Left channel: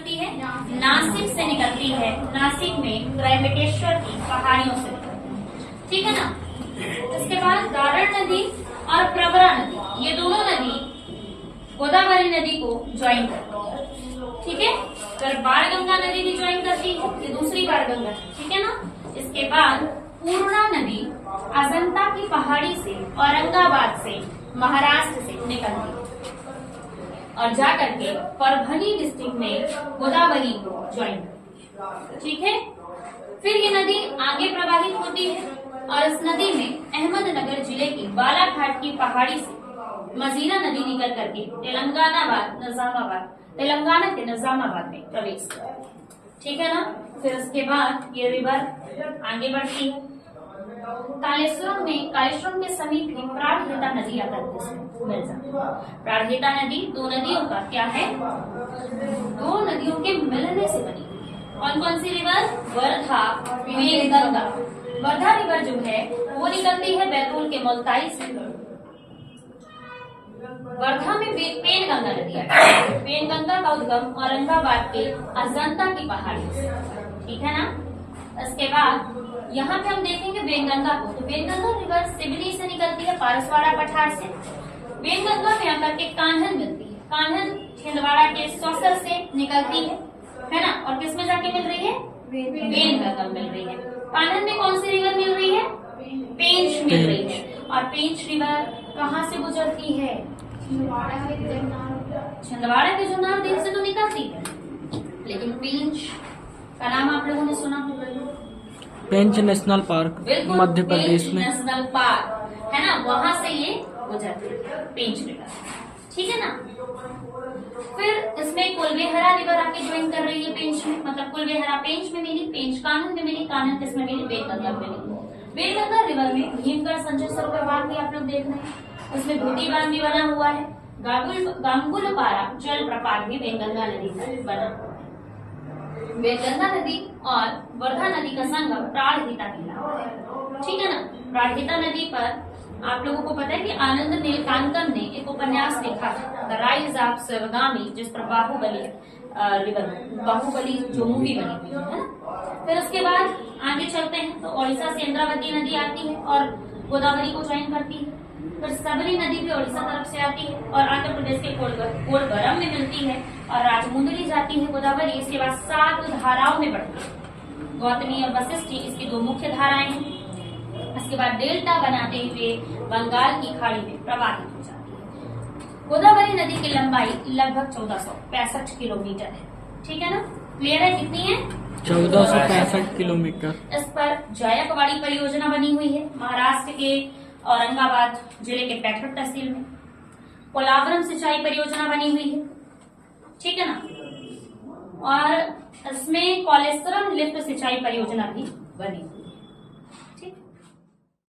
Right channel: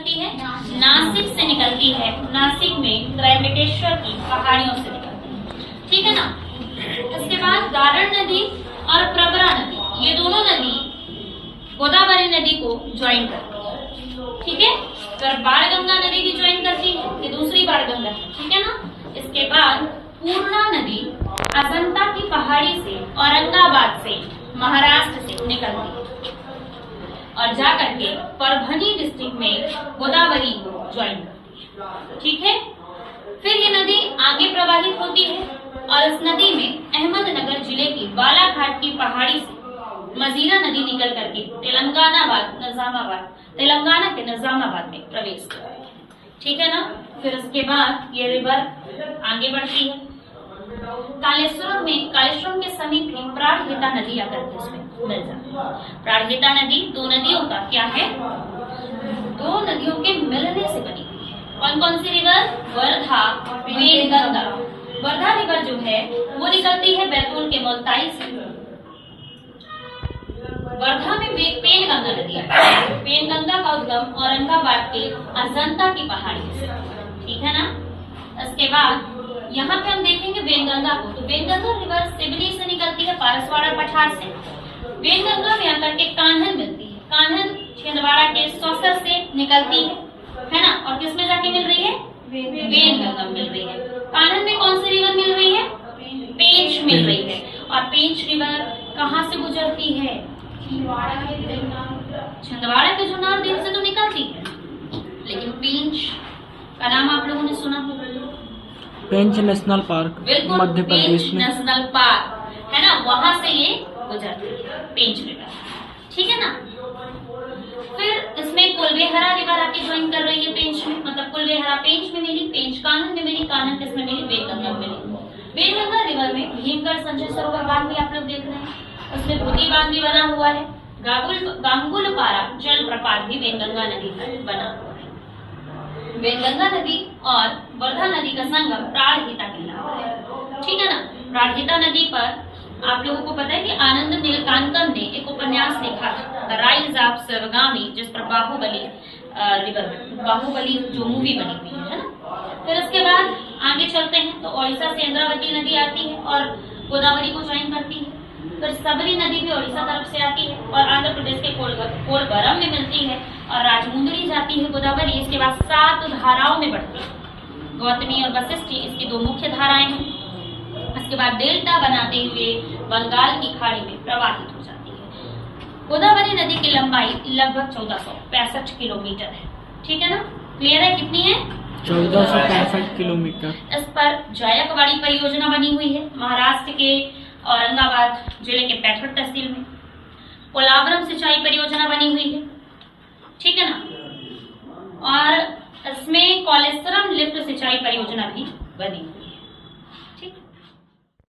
निकलती है? नासिक से निकलती है। नासिक में त्रयंबकेश्वर की पहाड़ियों से निकलती है, ठीक है ना। इसके बाद गारण नदी और प्रवरा नदी, ये दोनों नदी गोदावरी नदी को ज्वाइन करती है, ठीक है। फिर बाणगंगा नदी भी ज्वाइन करती है, ये दूसरी बाणगंगा है, ठीक है ना। इसके बाद पूर्णा नदी अजंता की पहाड़ी से औरंगाबाद से महाराष्ट्र से निकलती है और जाकर के परभनी डिस्ट्रिक्ट में गोदावरी को ज्वाइन करती है, ठीक है। फिर ये नदी आगे प्रवाहित होती है और इस नदी में अहमदनगर जिले की बालाघाट की पहाड़ी से मजीरा नदी निकल करके तेलंगाना के निजामाबाद में प्रवेश करती है, ठीक है ना। फिर उसके बाद ये रिवर आगे बढ़ती है। कालेश्वरम के समीप ही प्राणहिता नदी आकर के इसमें मिल जाती है। प्राणहिता नदी दो नदियों का क्या है? दो नदियों के मिलने से बनी हुई है। कौन कौन सी रिवर? वर्धा और वेनगंगा। वर्धा रिवर जो है वो निकलती है बैतूल के मुल्ताई से। वर्धा में पेनगंगा नदी है। पेनगंगा का उद्गम औरंगाबाद के अजंता की पहाड़ी से, ठीक है ना। इसके बाद यहाँ पे हम देखेंगे वेनगंगा को, तो वेनगंगा रिवर सिवनी से निकलती है, पारसवाड़ा पठार से। वेनगंगा में आकर के कान्हन मिलती है। कान्हन छिंदवाड़ा के सौसर से निकलती है ना। और किस में जाके मिल रही है? वेनगंगा मिल रही है। कान्हन में कौन सी रिवर मिल रही है? पेंच मिल रही है। और पेंच रिवर कहाँ से गुजरती है? छिंदवाड़ा के जुन्नर देव से तो निकलती है, लेकिन पेंच का नाम आप लोगों ने सुना होगा। पेंच नेशनल पार्क मध्य प्रदेश में नेशनल पार्क है ना, वहां से ये गुजरती है पेंच रिवर, ठीक है ना। फिर इसमें कुलबेहरा रिवर आके ज्वाइन कर रही है पेंच में, मतलब कुलबेहरा पेंच में मिली, पेंच कान्हन में मिली, कान्हन किसमें मिली? वेनगंगा में मिली। वेनगंगा रिवर में भीमगढ़ संजय सरोवर बांध भी आप लोग देख रहे हैं, उसमें धोती बांध भी बना हुआ है। गांगुलपारा जलप्रपात भी वेनगंगा नदी पर बना हुआ है। वेनगंगा नदी और वर्धा नदी का संगम प्राणहिता कहलाता है, ठीक है ना। प्राणहिता नदी पर आप लोगों को पता है कि आनंद नीलकांतन ने एक उपन्यास लिखा था, द राइज ऑफ शिवगामी, जिस पर बाहुबली जो मूवी बनी हुई है ना। फिर उसके बाद आगे चलते हैं तो ओडिशा से इंद्रावती नदी आती है और गोदावरी को ज्वाइन करती है। फिर सबरी नदी भी ओडिशा तरफ से आती है और आंध्र प्रदेश के कोलगरम में मिलती है और राजमुंदरी जाती है गोदावरी। इसके बाद 7 धाराओं में बढ़ती है। गौतमी और वशिष्ठी इसकी 2 मुख्य धाराएं हैं। इसके बाद डेल्टा बनाते हुए बंगाल की खाड़ी में प्रवाहित हो जाती है। गोदावरी नदी की लंबाई लगभग 1465 किलोमीटर है, ठीक है ना। क्लियर है? कितनी है? 1465 किलोमीटर। इस पर जायकवाड़ी परियोजना बनी हुई है महाराष्ट्र के औरंगाबाद जिले के पैठड़ तहसील में। पोलावरम सिंचाई परियोजना बनी हुई है, ठीक है ना। और इसमें कॉलेश्वरम लिफ्ट सिंचाई परियोजना भी बनी हुई है।